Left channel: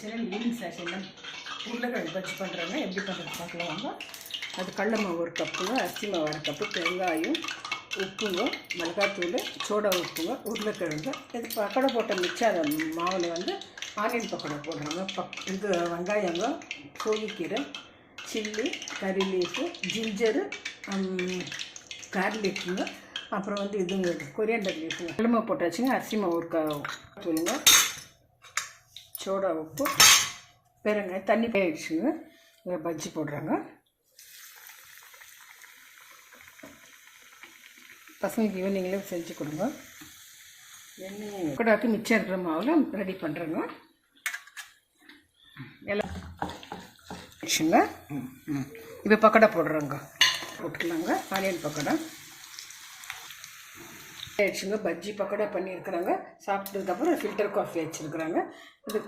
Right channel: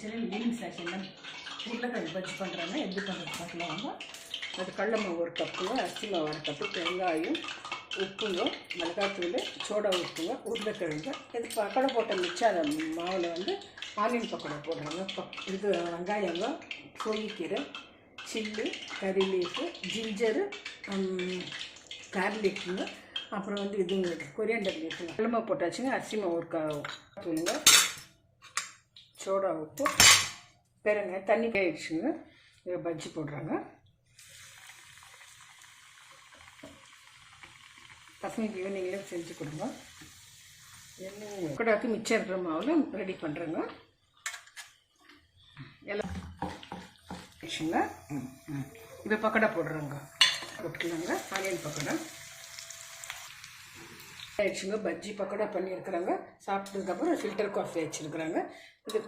கிச்சனில் ஈவினிங் செஷனில் உருளைக்கிழங்கு பஜ்ஜி பண்ணுறாங்க. எப்படி பண்ணுறது பார்க்கலாம் வாங்க. அது கடல மாவு 1 கப்புங்க, அரிசி மாவு 1 கப்பு, வெங்காயம், உப்புங்க, மிளகாத்தூள், சோடா உப்புங்க, உருளைக்கிழங்கு. இது பக்கோடா போட்ட மிச்சம் அந்த மாவில் வந்து ஆனியன் பக்கோடா போடுறாங்க. இது வெங்காயங்க, கோழிக்கீரை, சில்லி, கறி லீஃபு, ஜிஞ்சரு, கார்லிக்குங்க, அப்புறம் வந்து இதுங்க கொரியாண்டர் லீஃபுங்க. கடல மாவு போட்டாச்சுங்க. அரிசி மாவு 1 தூளுங்க, சோடா உப்பு, பெருங்காயம், தண்ணி ஆயிடுச்சுங்க. பஜ்ஜி போடுறாங்க. பசங்களுக்கு ஈவினிங்கில் செஞ்சு கொடுங்க. எண்ணெய் பக்கோடாக்கு மிச்சம் இருக்கிற மாவில் ரெடி பண்ணுறேங்க. எல்லாம் ஆயிடுச்சுங்க. இப்போ பக்கோடா போடுறோங்க. போட்டுக்கலாங்க. ஆனியன் பக்கோடா ஆயிடுச்சுங்க. பஜ்ஜி பக்கோடா பண்ணியிருக்கிறாங்க. சாப்பிட்டதுக்கப்புறம் ஃபில்டர் காஃபி வச்சுருக்குறாங்க. இது